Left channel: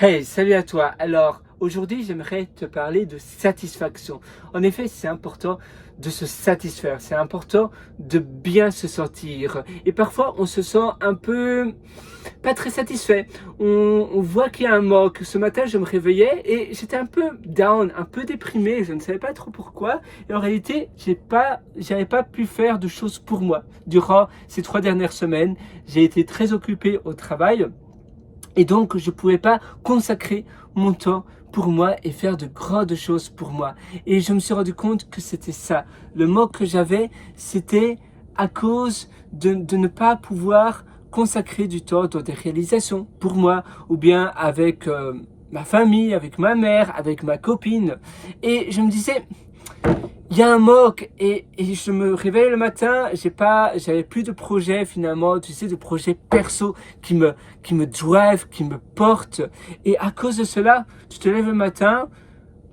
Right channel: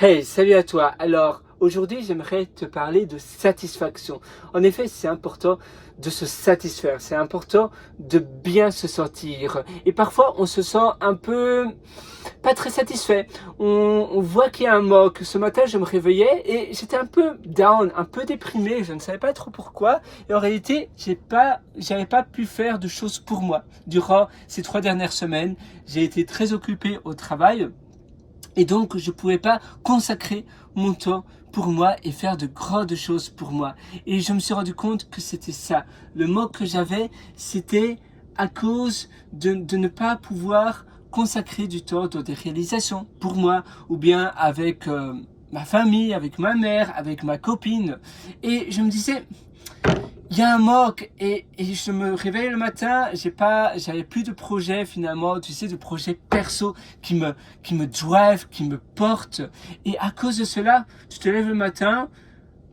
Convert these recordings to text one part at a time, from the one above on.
Hey, salut à toi. Alors, aujourd'hui, j'aimerais te parler de satisfaction. En effet, c'est important de se satisfaire. C'est important de bien se sentir. Et parfois, on se sent un peu pas très satisfait. On voit qu'il y a un manque. Ce matin, je me réveillais et j'étais un peu down, un peu déprimé. Je ne savais pas trop pourquoi. Et en réalité, j'avais pas pu faire de choses pour moi. Durant ces 3 dernières semaines, j'ai été très occupé au travail. Et donc, je ne pouvais pas consacrer mon temps pour moi et faire de grandes choses pour moi. Et je me suis rendu compte que c'était ça. Le manque que j'avais, c'était à cause de ne pas pouvoir consacrer du temps dans des réalisations pour moi, ou bien avec ma famille, avec ma mère, avec ma copine. Et je me disais, il y a un manque et je me réveille le matin, j'avais plus de projet finalement, tu sais, de projet perso qui me drive, qui me porte. Et à cause de cela, tu te lèves le matin,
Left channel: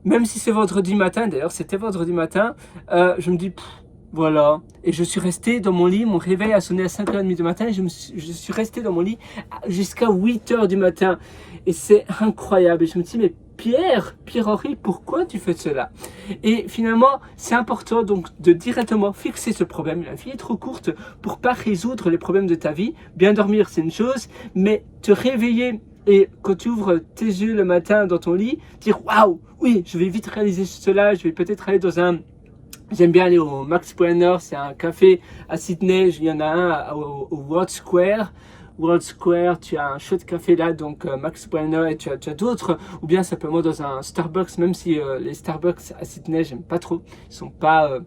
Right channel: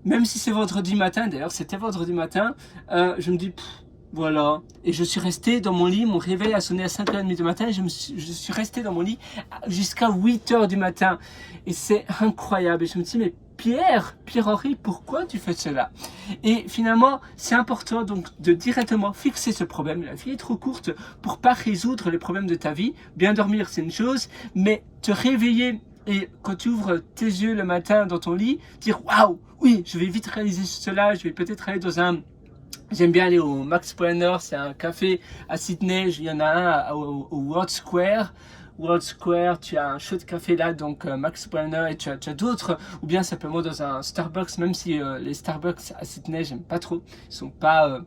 même si c'est vendredi matin, d'ailleurs c'était vendredi matin, je me dis, voilà. Et je suis resté dans mon lit, mon réveil a sonné à 5h30 du matin, et je suis resté dans mon lit jusqu'à 8h du matin. Et c'est incroyable. Et je me dis, mais Pierre-Henri, pourquoi tu fais cela? Et finalement, c'est important donc de directement fixer ce problème. La vie est trop courte pour pas résoudre les problèmes de ta vie. Bien dormir, c'est une chose, mais te réveiller et quand tu ouvres tes yeux le matin dans ton lit, dire waouh, oui, je vais vite réaliser cela, je vais peut-être aller dans un... J'aime bien aller au Max Poiner, c'est un café à Sydney, il y en a un au World Square. World Square, tu as un chouette café là, donc Max Poiner, et tu as d'autres, ou bien simplement dans un Starbucks, même si les Starbucks à Sydney, j'aime pas trop, ils sont pas...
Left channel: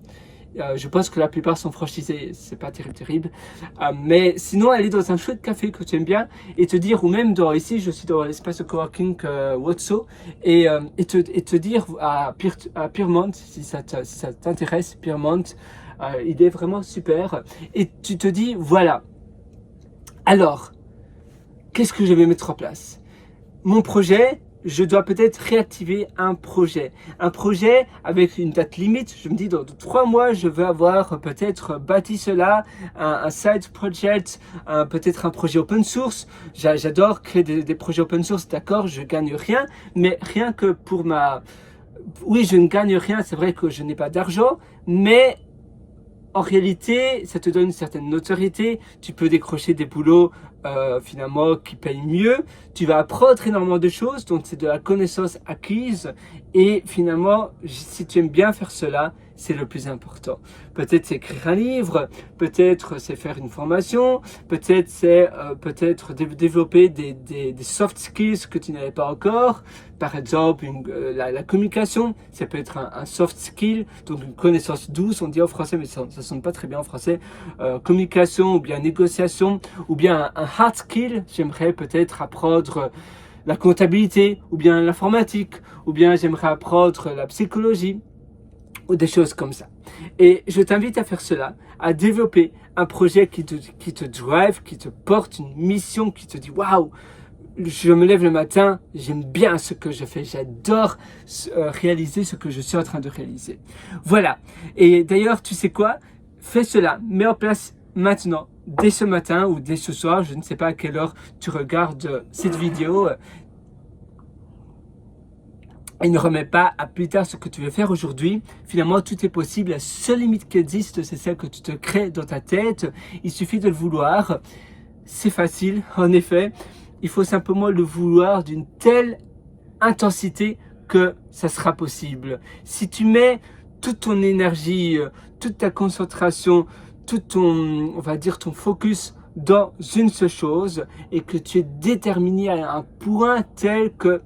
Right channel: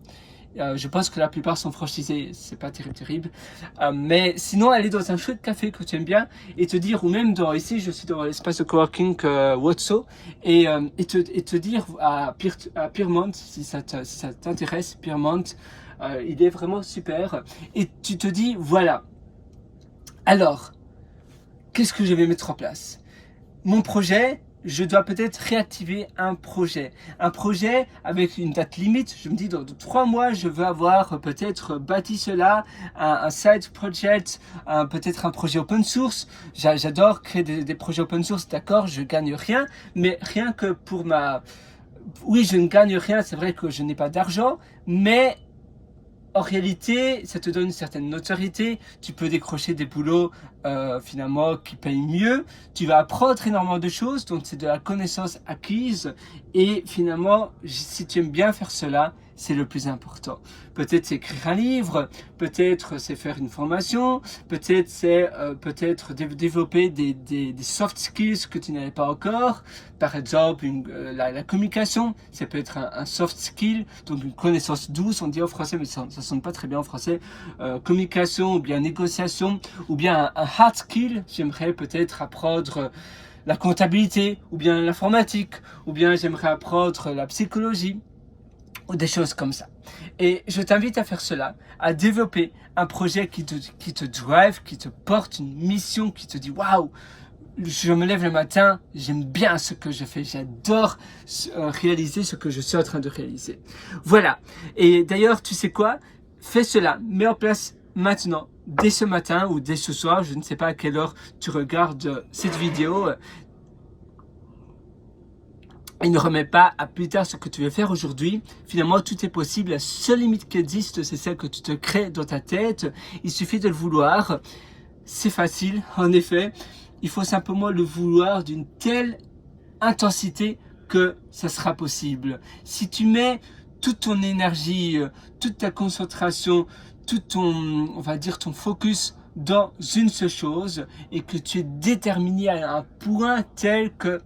je pense que la plupart sont franchisés, c'est pas terrible. Mais sinon, aller dans un chouette café que tu aimes bien et te dire, ou même ici, je suis dans l'espace de coworking Wotso, et te dire à Pyrmont, si ça t'intéresse, Pyrmont, il est vraiment super. Et tu te dis, voilà, alors, qu'est-ce que je vais mettre en place? Mon projet, je dois peut-être réactiver un projet avec une date limite. Je me dis dans 3 mois, je veux avoir peut-être bâti cela, un side project, peut-être un projet open source. J'adore créer des projets open source, d'accord, je gagne rien, mais rien que pour oui, je ne gagne rien, c'est vrai que je n'ai pas d'argent, mais en réalité, ça te donne une certaine notoriété, tu peux décrocher des boulots finalement qui payent mieux, tu vas apprendre énormément de choses, donc c'est de la connaissance acquise et finalement, si tu aimes bien faire cela, c'est le plus important. Peut-être c'est écrire un livre, peut-être c'est faire une formation, peut-être c'est développer des soft skills que tu n'avais pas encore. Par exemple, la communication, ça peut être un soft skill, donc une connaissance douce, on dit en français, mais ça sonne pas très bien en français. Communication, ou bien négociation, ou bien un hard skill, j'aimerais peut-être apprendre la comptabilité, ou bien l'informatique, ou bien j'aimerais apprendre la psychologie, ou des choses comme ça. Et je t'invite à faire cela, à développer un projet qui te drive, qui te porte une mission, qui te dit waouh, je me lève le matin, j'aime bien ce que je fais, j'adore réaliser ce que je suis en train de réaliser. Voilà. Et d'ailleurs, tu sais quoi? Fais cela, mets en place maintenant, dès ce matin ou dès ce soir, je ne sais pas à quelle heure tu regardes cette vidéo. Et ne remets pas à plus tard ce que tu veux faire aujourd'hui. Finalement, tout est possible. La seule limite qui existe, c'est celle que tu te crées dans ta tête. Il suffit de le vouloir. C'est facile, en effet. Il faut simplement le vouloir d'une telle intensité que ça sera possible. Si tu mets toute ton énergie, toute ta concentration, tout ton, on va dire, ton focus dans une seule chose et que tu es déterminé à un point tel que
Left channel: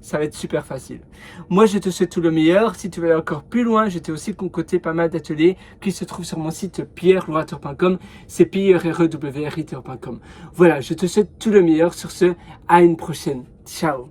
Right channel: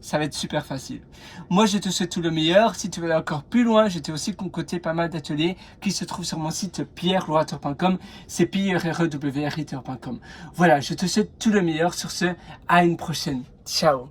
ça va être super facile. Moi, je te souhaite tout le meilleur. Si tu veux aller encore plus loin, j'ai aussi concocté pas mal d'ateliers qui se trouvent sur mon site pierrelorateur.com, c'est pierrewrit.com. Voilà, je te souhaite tout le meilleur. Sur ce, à une prochaine. Ciao.